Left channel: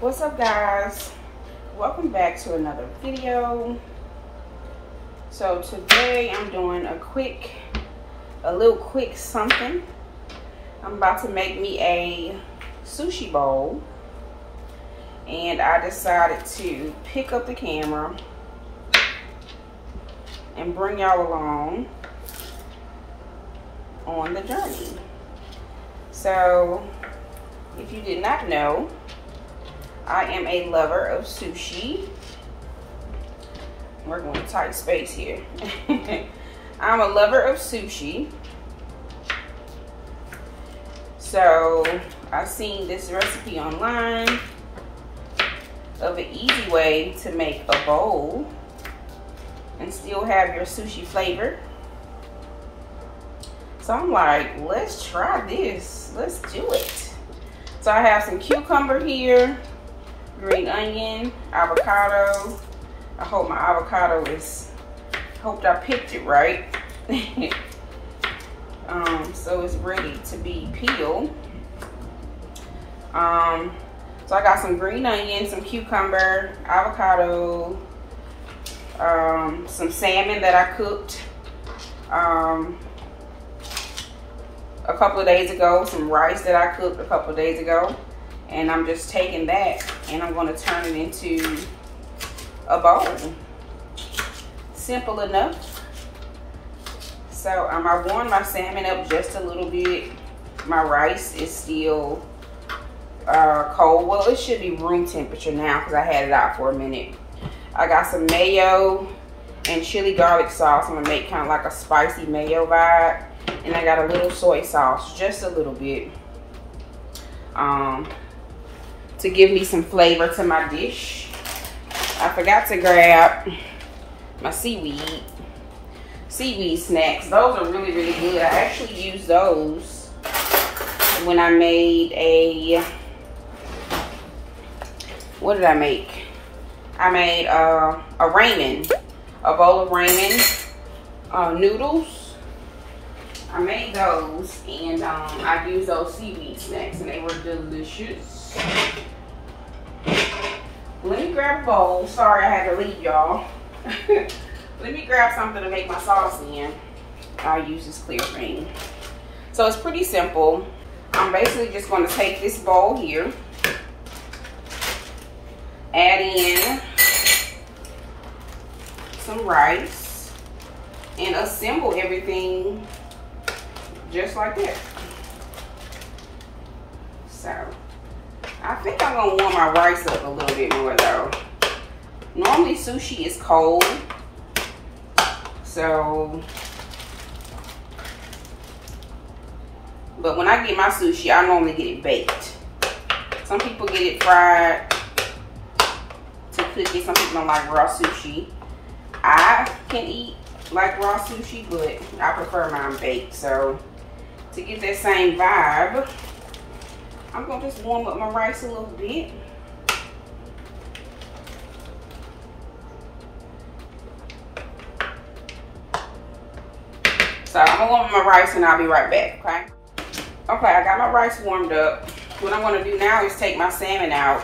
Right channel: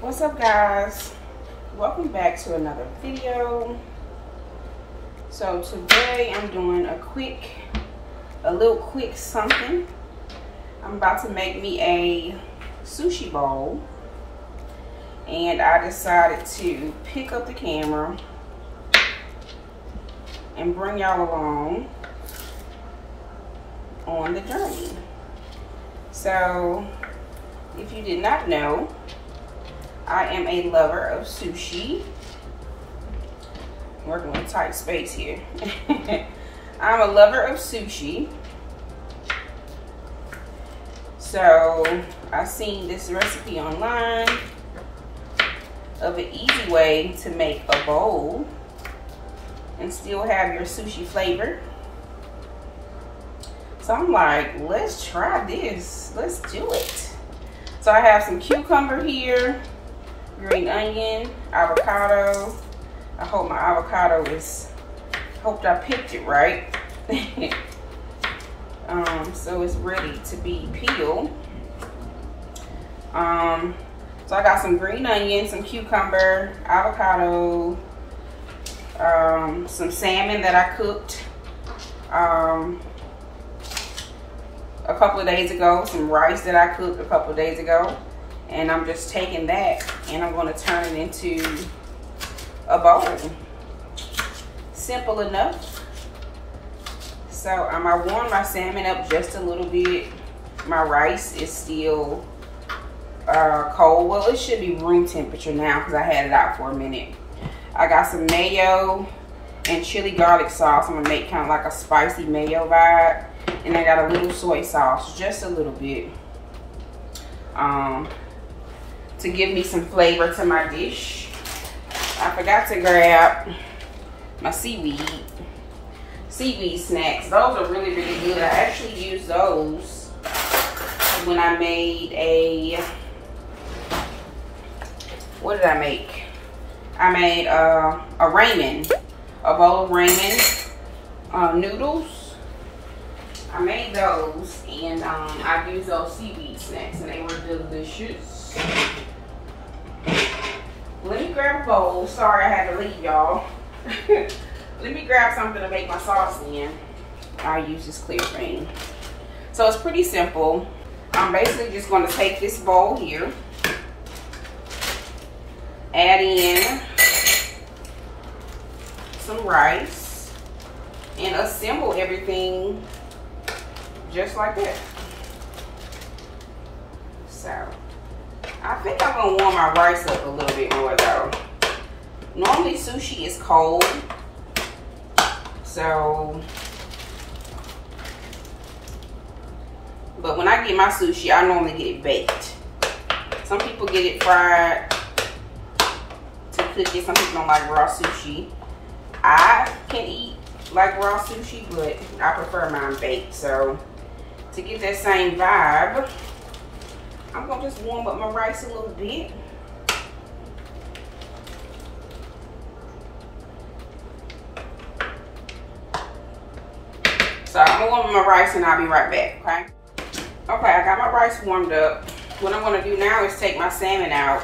What's up, guys? Welcome back to another video. So today I'm doing a little quick something. I'm about to make me a sushi bowl, and I decided to pick up the camera and bring y'all along on the journey. So if you did not know, I am a lover of sushi. We're going to tight space here. I'm a lover of sushi. So I seen this recipe online of an easy way to make a bowl and still have your sushi flavor. So I'm like, let's try this. Let's do it. So I have some cucumber here, green onion, avocado. I hope my avocado hope I picked it right. So it's ready to be peeled. So I got some green onion, some cucumber, avocado, some salmon that I cooked a couple of days ago, some rice that I cooked a couple of days ago. And I'm just taking that and I'm going to turn it into a bowl. Simple enough. So I warmed my salmon up just a little bit. My rice is still cold. Well, it should be room temperature now because I had it out for a minute. I got some mayo and chili garlic sauce. I'm going to make kind of like a spicy mayo vibe. And I got a little soy sauce, just a little bit. To give me some flavor to my dish. I forgot to grab my seaweed snacks. Those are really, really good. I actually used those when I made a, what did I make? I made a ramen, a bowl of ramen noodles. I made those, and I used those seaweed snacks, and they were delicious. Let me grab a bowl. Sorry I had to leave y'all. Let me grab something to make my sauce in. I'll use this clear thing. So it's pretty simple. I'm basically just going to take this bowl here, add in some rice, and assemble everything just like that. So I think I'm gonna warm my rice up a little bit more though. Normally sushi is cold, so, but when I get my sushi, I normally get it baked. Some people get it fried to cook it. Some people don't like raw sushi. I can eat like raw sushi, but I prefer mine baked. So to get that same vibe, I'm gonna just warm up my rice a little bit. So I'm gonna warm up my rice and I'll be right back, okay? Okay, I got my rice warmed up. What I'm gonna do now is take my salmon out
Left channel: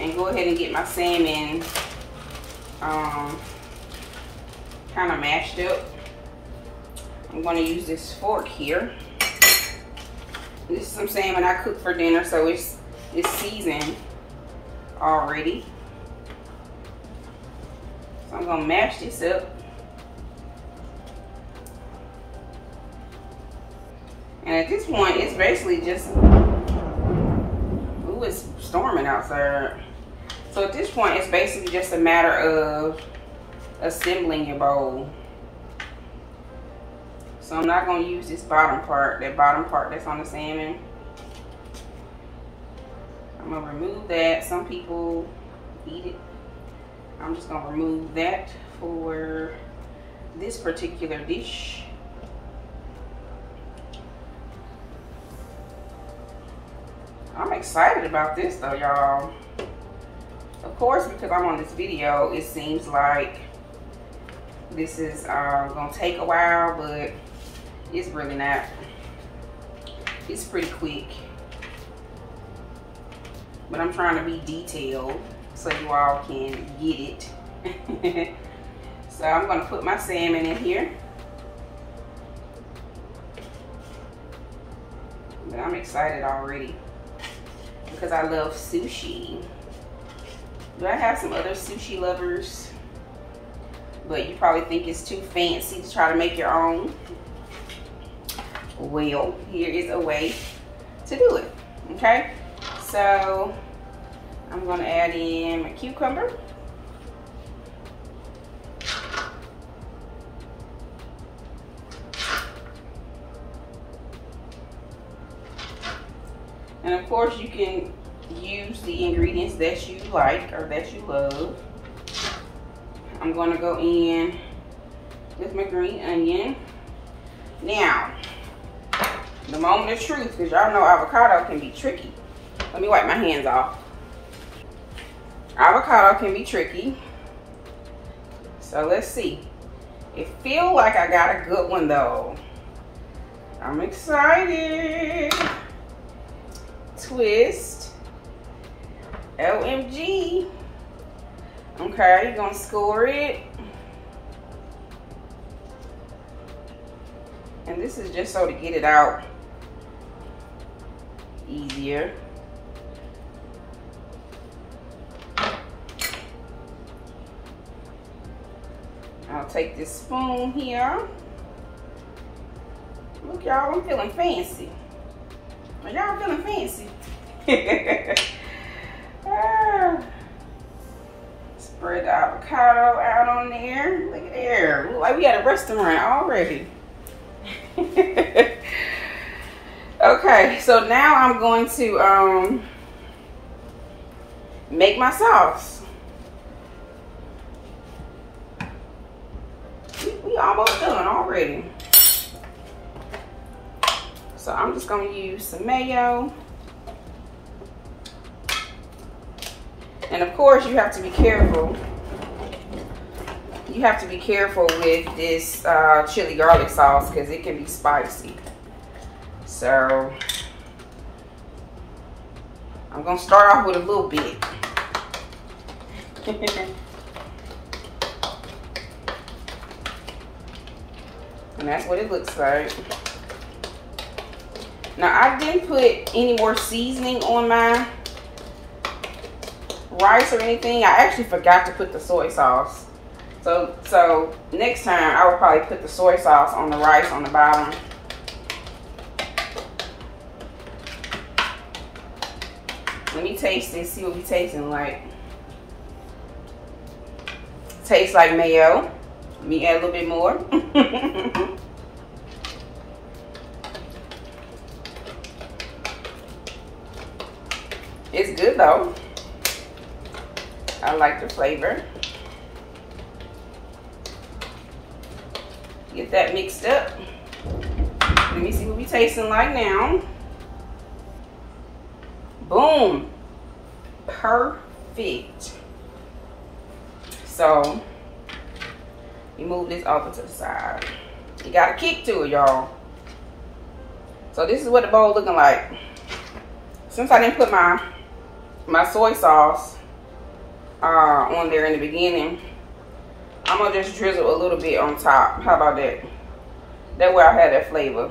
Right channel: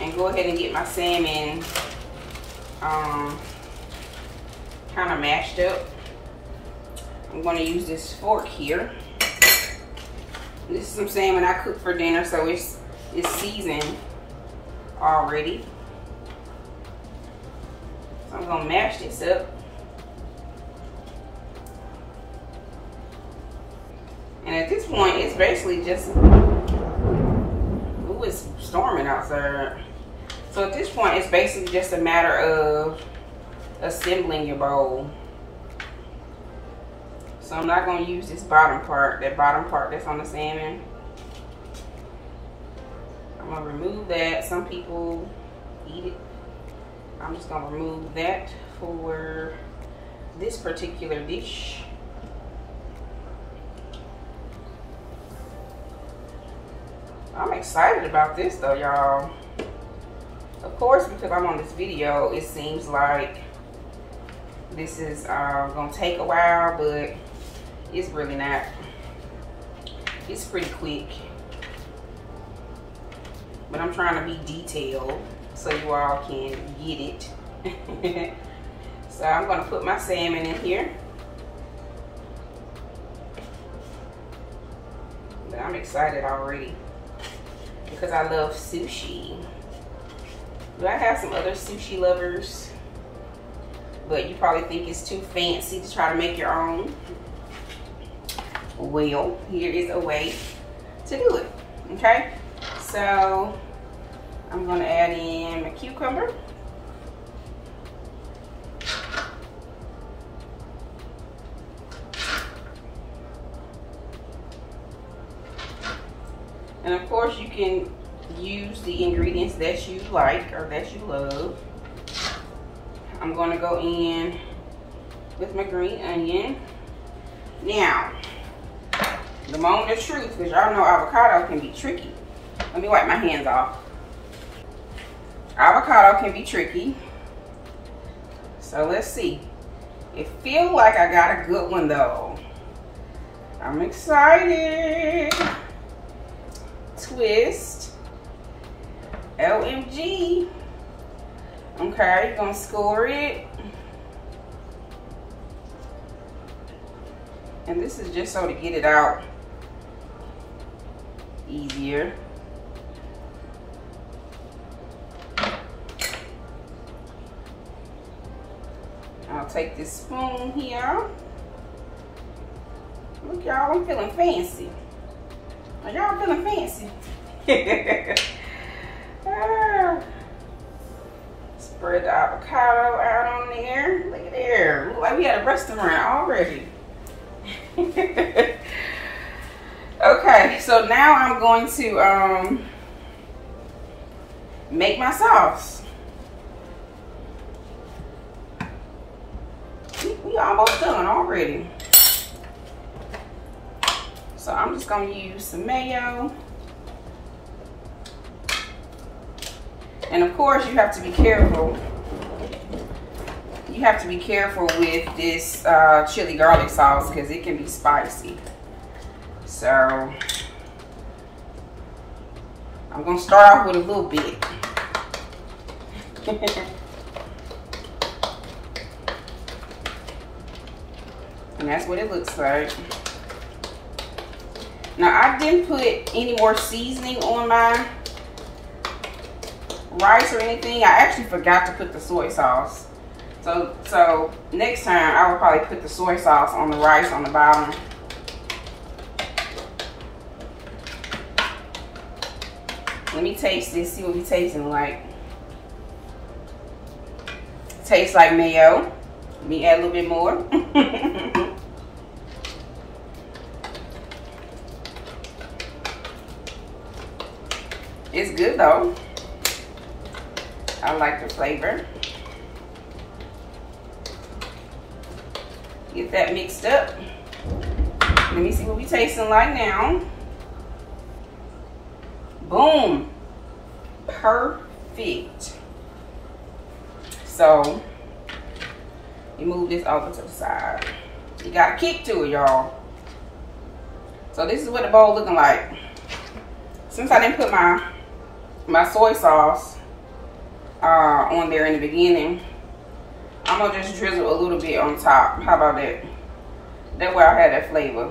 and go ahead and get my salmon kind of mashed up. I'm going to use this fork here. This is some salmon I cooked for dinner, so it's seasoned already. So I'm going to mash this up. And at this point, it's basically just, ooh, it's storming outside. So at this point, it's basically just a matter of assembling your bowl. So I'm not going to use this bottom part, that bottom part that's on the salmon. I'm going to remove that. Some people eat it. I'm just going to remove that for this particular dish. I'm excited about this though, y'all. Of course, because I'm on this video, it seems like this is gonna take a while, but it's really not. It's pretty quick. but I'm trying to be detailed so you all can get it. So I'm gonna put my salmon in here. But I'm excited already because I love sushi. But I have some other sushi lovers, but you probably think it's too fancy to try to make your own. Well, here is a way to do it, okay? So I'm gonna add in my cucumber. And of course you can use the ingredients that you like or that you love. I'm gonna go in with my green onion. Now, the moment of truth, because y'all know avocado can be tricky. Let me wipe my hands off. Avocado can be tricky. So let's see. It feels like I got a good one though. I'm excited. Twist. OMG. Okay, you're gonna score it. And this is just so to get it out easier. I'll take this spoon here. Look, y'all, I'm feeling fancy. Are y'all feeling fancy? Spread the avocado out on there. Look at there. Look like we at a restaurant already. Okay, so now I'm going to make my sauce. We almost done already. So I'm just gonna use some mayo. And of course you have to be careful. You have to be careful with this chili garlic sauce because it can be spicy. So I'm gonna start off with a little bit. And that's what it looks like. Now I didn't put any more seasoning on my rice or anything. I actually forgot to put the soy sauce. So next time I will probably put the soy sauce on the rice on the bottom. Let me taste this, see what we tasting like. Tastes like mayo. Let me add a little bit more. It's good though. I like the flavor. Get that mixed up. Let me see what we tasting like now. Boom. Perfect. So, you move this over to the side. You got a kick to it, y'all. So this is what the bowl looking like. Since I didn't put my soy sauce on there in the beginning, I'm gonna just drizzle a little bit on top. How about that? That way I have that flavor.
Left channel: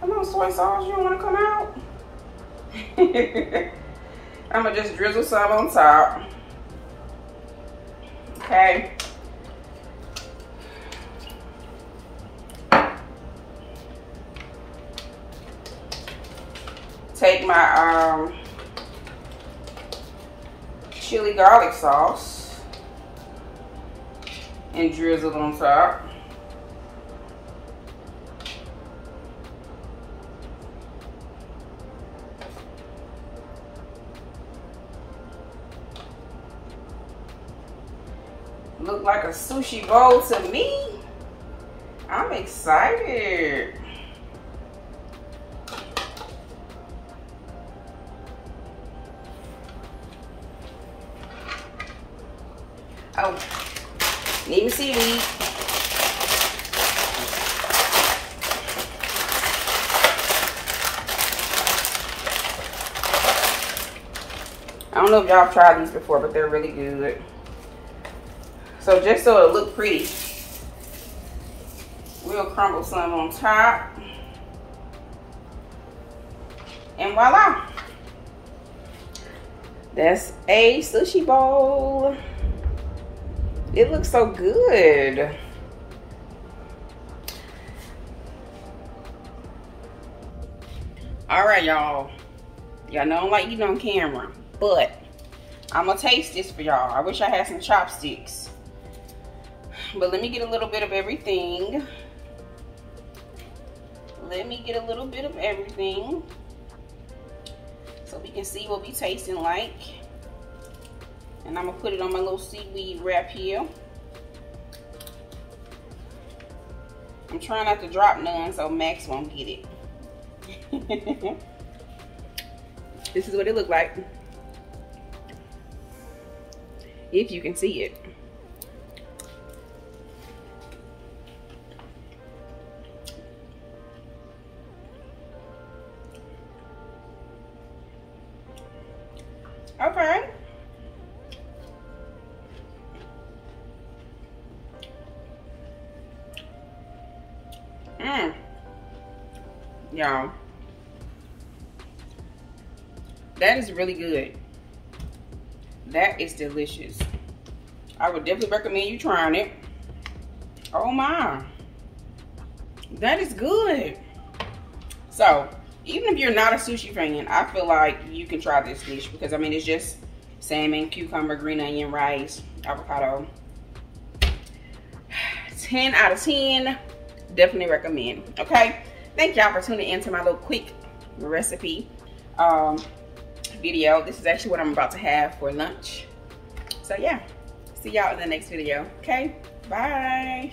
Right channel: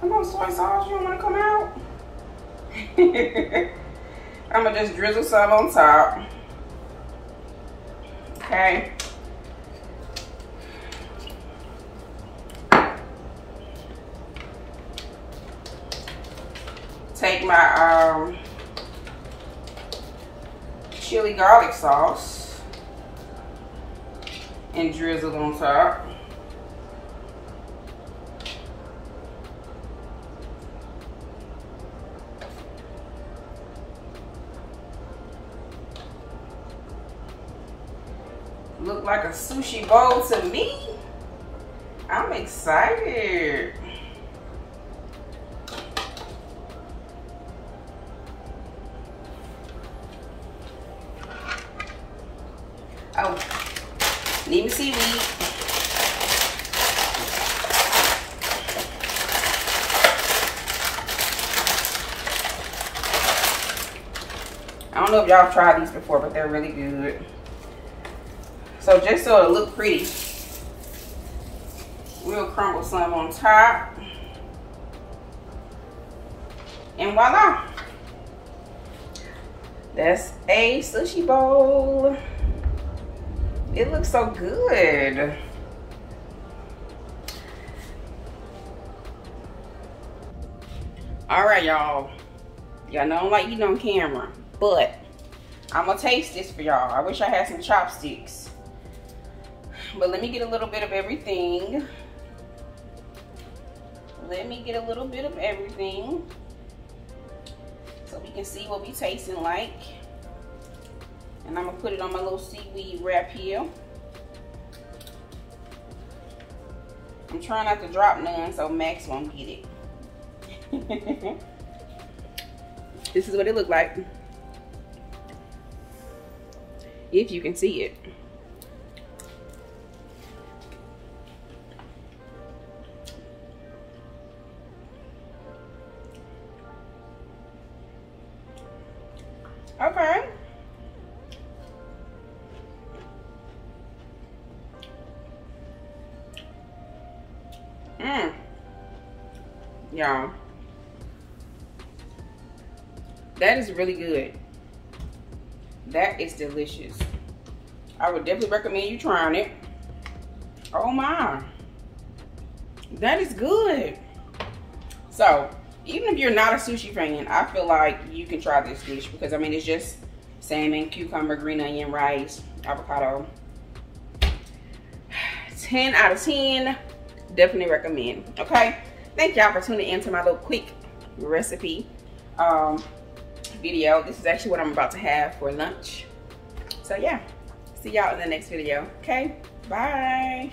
Come on, soy sauce, you don't wanna come out? I'm gonna just drizzle some on top. Okay. Take my chili garlic sauce and drizzle it on top. Look like a sushi bowl to me. I'm excited. Oh, need me seaweed. know if y'all have tried these before, but they're really good. So just so it look pretty, we'll crumble some on top. And voila. That's a sushi bowl. It looks so good. All right, y'all. Y'all know I don't like eating on camera, but I'm gonna taste this for y'all. I wish I had some chopsticks. But let me get a little bit of everything. Let me get a little bit of everything so we can see what we tasting like. And I'm gonna put it on my little seaweed wrap here. I'm trying not to drop none so Max won't get it. This is what it looked like, if you can see it. Okay. Y'all, that is really good. That is delicious. I would definitely recommend you trying it. Oh my, that is good. So even if you're not a sushi fan, I feel like you can try this dish because I mean it's just salmon, cucumber, green onion, rice, avocado. 10 out of 10. Definitely recommend. Okay, thank y'all for tuning in to my little quick recipe video. This is actually what I'm about to have for lunch. So yeah, see y'all in the next video. Okay, bye.